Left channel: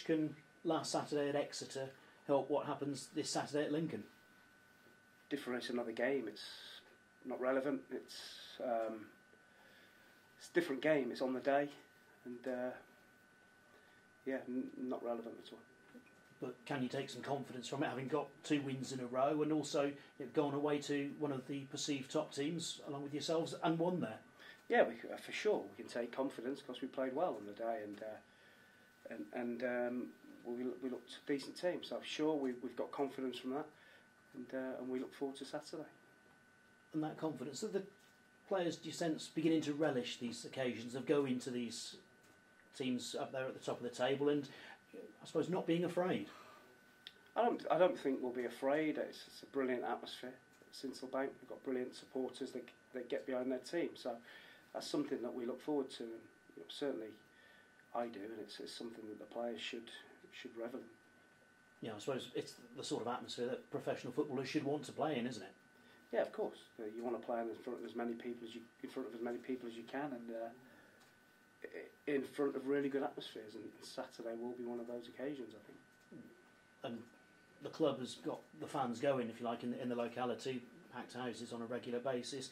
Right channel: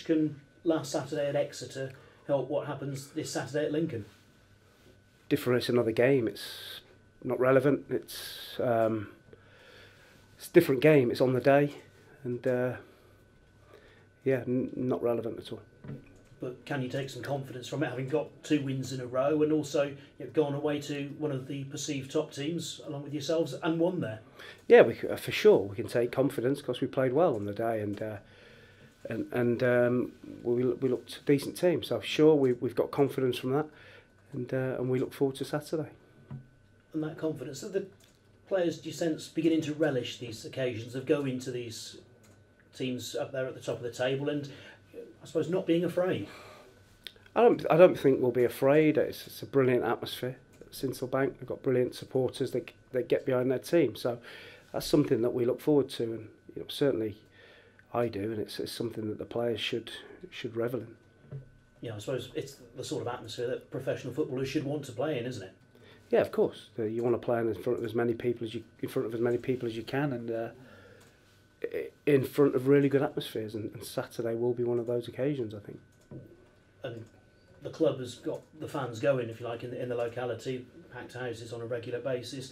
much can last Saturday at Exeter help what happens this Saturday at Lincoln? Different. It's another game. It's not relevant. It's a different game. It's on the day, and yeah, not relevant at all. But can you take some confidence from it, having got 2 wins in a row, and also you've gone away to one of the perceived top teams along with yourselves and won there? Yeah, for sure we can take confidence because we played well on the day, and we looked a decent team. So sure, we've got confidence from that, and we look forward to Saturday. And that confidence, that the players, do you sense, beginning to relish these occasions of going to these teams up there at the top of the table, and I suppose not being afraid? I don't think we'll be afraid. It's a brilliant atmosphere at Sincil Bank. We've got brilliant supporters that get behind their team. So that's something that we look forward to, and certainly I do, and it's something that the players should revel in. Yeah, I suppose it's the sort of atmosphere that professional footballers should want to play in, isn't it? Yeah, of course. You want to play in front of as many people as you can, and in front of really good atmospheres. And Saturday will be one of those occasions, I think. And the club has got the fans going, if you like, in the locality, packed houses on a regular basis.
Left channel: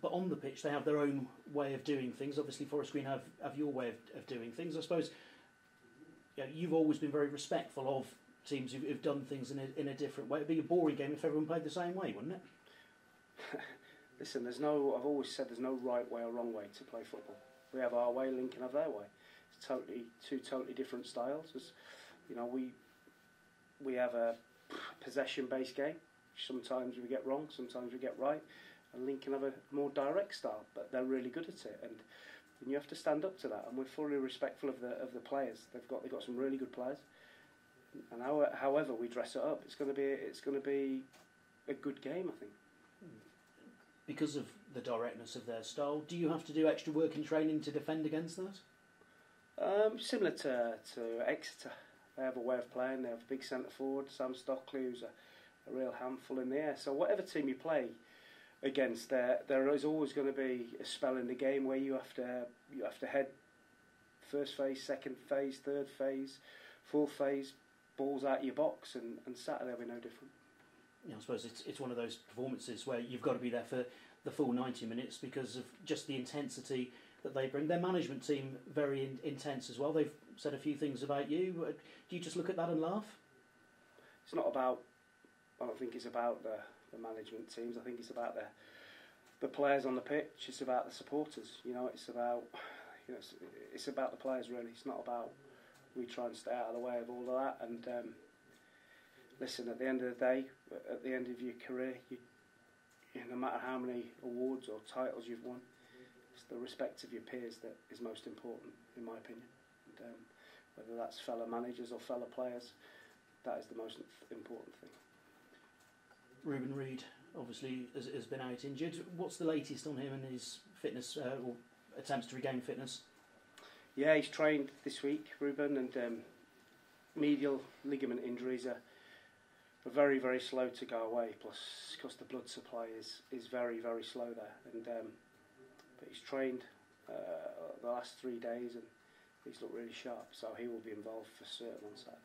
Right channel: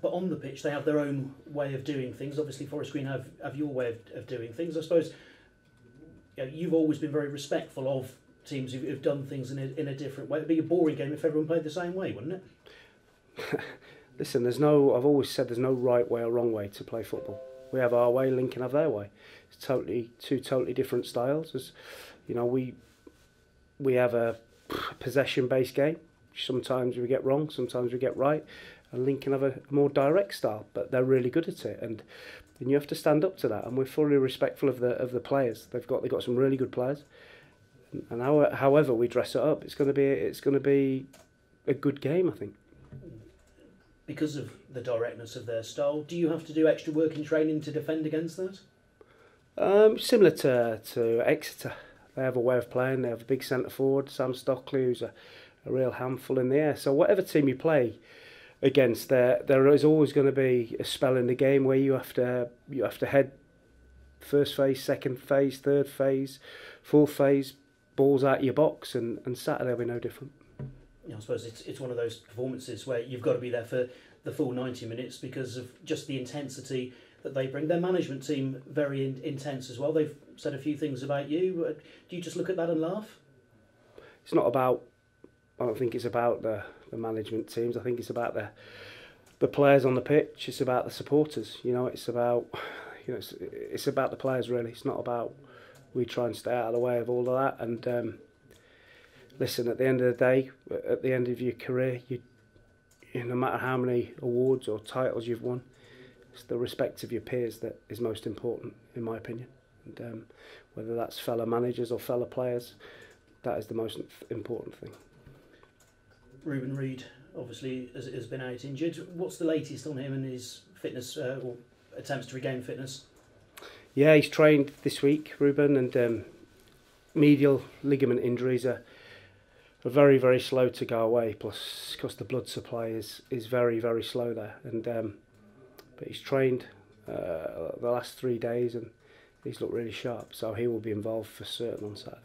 But on the pitch, they have their own way of doing things. Obviously, Forest Green have your way of doing things. I suppose you've always been very respectful of teams who've done things in a different way. It'd be a boring game if everyone played the same way, wouldn't it? Listen, I've always said there's no right way or wrong way to play football. We have our way, Lincoln have their way. It's two totally different styles. As we have a possession-based game. Sometimes we get wrong, sometimes we get right. And Lincoln have a more direct style, but they're really good at it, and you have to stand up to that. And we're fully respectful of the players. They've got some really good players, and however we dress it up, it's going to be a good game, I think. Because of the directness of their style, do you have to do extra work in training to defend against that? Similar to Exeter, they have a way of playing. They have a big centre forward, Sam Stockley, who's a real handful in the air. So whatever team you play against, there is always going to be a spell in the game where you have to head first phase, second phase, third phase, fourth phase, balls out of your box, and Saturday will be no different. I suppose it's one of those performances where you've got to be there for the full 90 minutes because of just the intensity that they bring. Their management team, very intense as well. They've said a few things about you. Do you just look at that and laugh? It's not about, I don't think it's about the management teams. I think it's about the players on the pitch. It's about the supporters. It's about it's about the players really. It's not about we try and stay out of the way of all of that. And listen, at the end of the day, at the end of your career, no matter how many awards or titles you've won, it's the respect of your peers that is most important, in my opinion. And whether that's fellow managers or fellow players, that is the most important thing. Reuben Reid obviously has been out injured. What's the latest on him and his fitness or attempts to regain fitness? Yeah, he's trained this week, Reuben, and medial ligament injuries are very, very slow to go away, plus because the blood supply is very, very slow there. And but he's trained the last 3 days and he's looked really sharp, so he will be involved for certain on Saturday.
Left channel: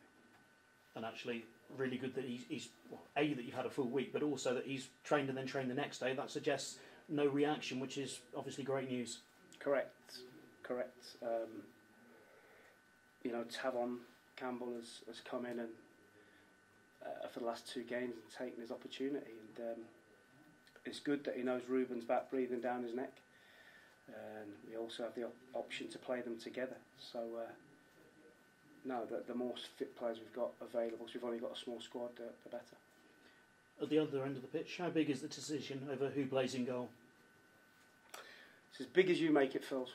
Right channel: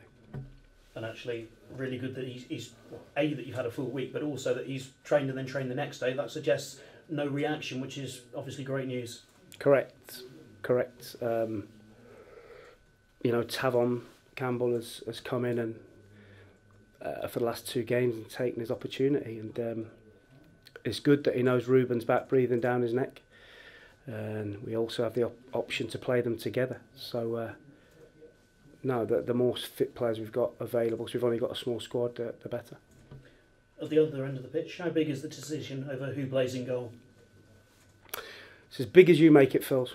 And actually, really good that he's that you've had a full week, but also that he's trained and then trained the next day. That suggests no reaction, which is obviously great news. Correct. Tavon Campbell has come in and for the last 2 games and taken his opportunity, and it's good that he knows Reuben's back breathing down his neck, and we also have the option to play them together. So no, the more fit players we've got available, because we've only got a small squad, the better. At the other end of the pitch, how big is the decision over who plays in goal? It's as big as you make it, Phil.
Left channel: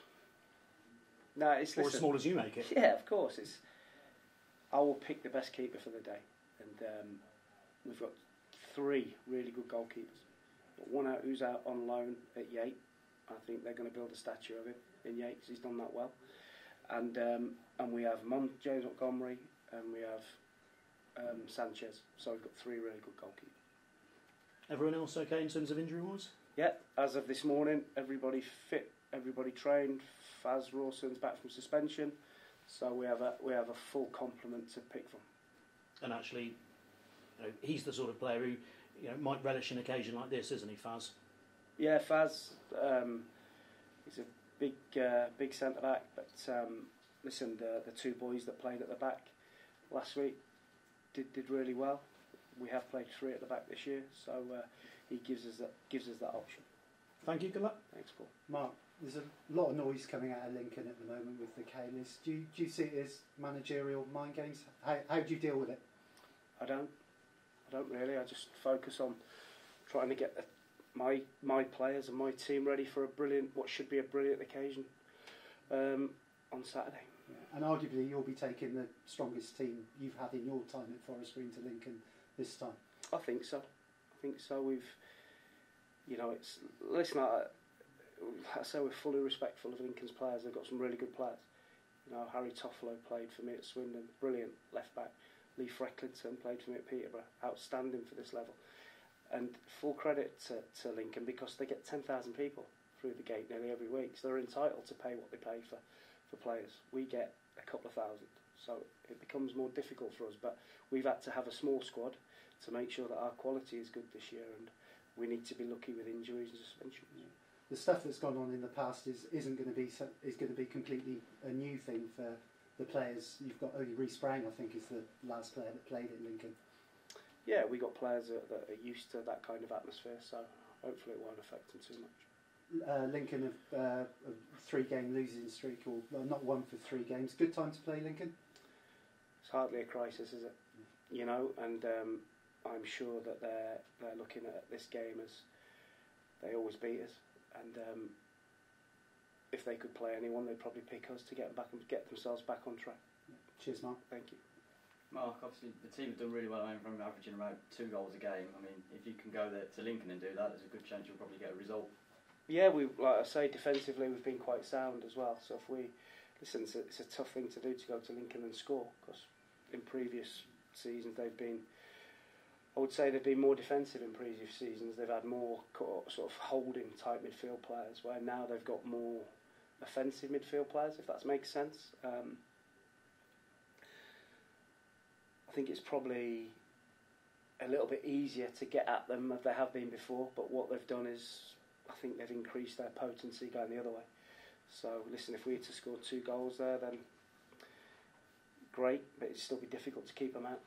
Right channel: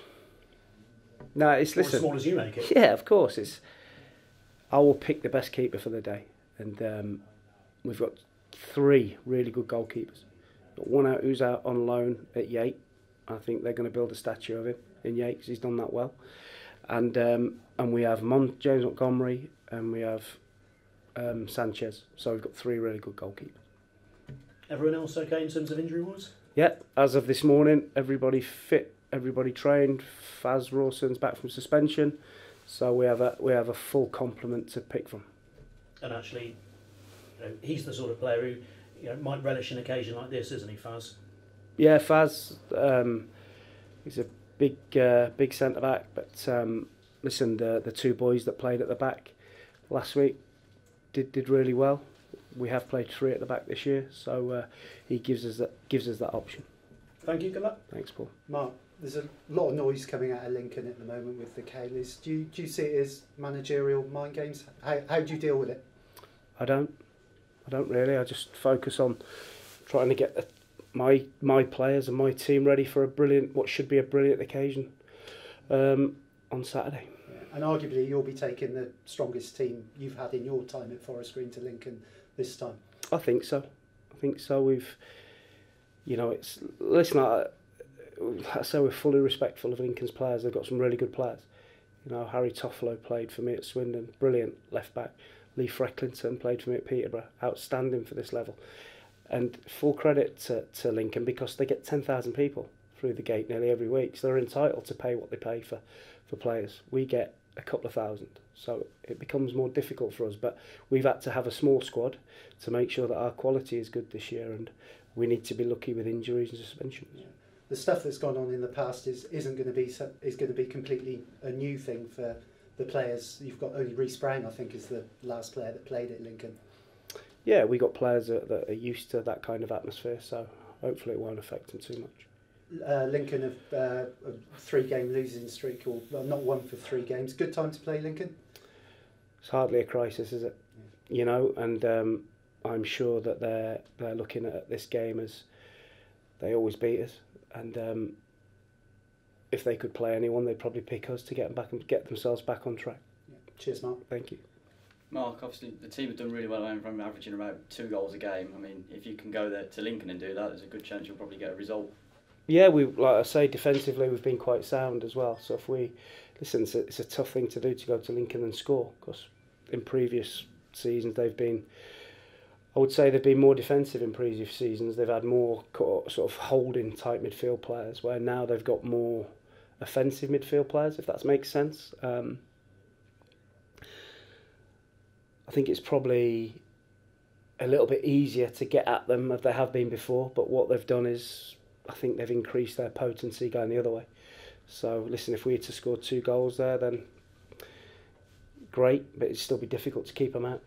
No, it's as small as you make it. Yeah, of course. I will pick the best keeper for the day, and we've got 3 really good goalkeepers. Got one out who's out on loan at Yate. I think they're going to build a statue of him in Yate because he's done that well. And we have James Montgomery, and we have Sanchez. So we've got 3 really good goalkeepers. Everyone else okay in terms of injury-wise? Yeah, as of this morning, everybody fit, everybody trained. Faz Rawson's back from suspension, So we have a full complement to pick from. And actually, he's the sort of player who might relish an occasion like this, isn't he, Faz? Yeah, Faz. He's a big centre back, but listen, the two boys that played at the back last week did really well. We have played three at the back this year, so he gives us that option. Thank you, good luck. Thanks, Paul. Mark, there's a lot of noise coming out of Lincoln at the moment with the Kayleys. Do you see it as managerial mind games? How do you deal with it? I don't really. I just focus on trying to get my players and my team ready for what should be a brilliant occasion on Saturday. Yeah. And arguably you'll be taking the strongest team you've had in your time at Forest Green to Lincoln this time. I think so. We've, listen, I say we're fully respectful of Lincoln's players. They've got some really good players. Harry Toffolo played for me at Swindon, brilliant left back. Lee Frecklinton played for me at Peterborough, outstanding for this level. And full credit to Lincoln, because they get 10,000 people through the gate nearly every week, so they're entitled to pay what they pay for players. We get a couple of thousand, so it becomes more difficult for us, but we've had to have a small squad to make sure that our quality is good this year, and we need to be lucky with injuries and suspensions. Yeah. The stuff that's gone on in the past is going to be completely a new thing for the players. You've got only Reece Brown, I think, is the last player that played at Lincoln. Yeah, we got players that are used to that kind of atmosphere, so hopefully it won't affect them too much. Lincoln have a 3-game losing streak, or not won for 3 games. Good time to play Lincoln? It's hardly a crisis, is it? And I'm sure that they're looking at this game as they always beat us, and if they could play anyone, they'd probably pick us to get them back and get themselves back on track. Yeah. Cheers, Mark. Thank you. Mark, obviously the team have done really well from averaging about 2 goals a game. I mean, if you can go there to Lincoln and do that, there's a good chance you'll probably get a result. Yeah, like I say, defensively we've been quite sound as well. So if it's a tough thing to do to go to Lincoln and score, because in previous seasons they've been more defensive in previous seasons. They've had more sort of holding type midfield players, where now they've got more offensive midfield players, if that makes sense. I think it's probably a little bit easier to get at them than they have been before, but what they've done is I think they've increased their potency going the other way. So listen, if we had to score 2 goals there, then great, but it'd still be difficult to keep them out.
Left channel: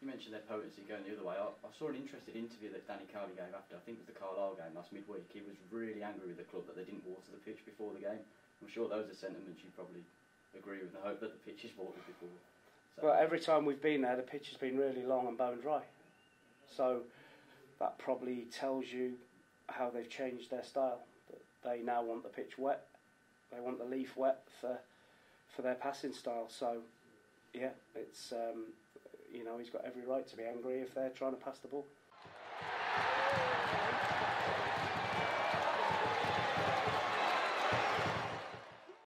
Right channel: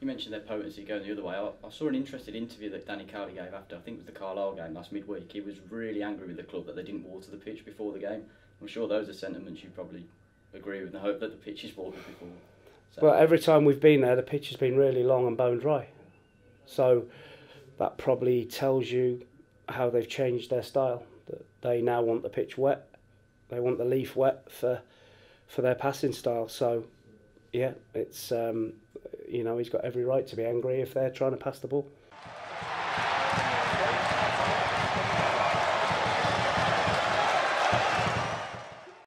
You mentioned their potency going the other way. I saw an interesting interview that Danny Cowley gave after, I think it was the Carlisle game last midweek. He was really angry with the club that they didn't water the pitch before the game. I'm sure those are sentiments you probably agree with, and I hope that the pitch is watered before. So, well, every time we've been there, the pitch has been really long and bone dry. So that probably tells you how they've changed their style. That they now want the pitch wet. They want the leaf wet for their passing style. So yeah, it's he's got every right to be angry if they're trying to pass the ball.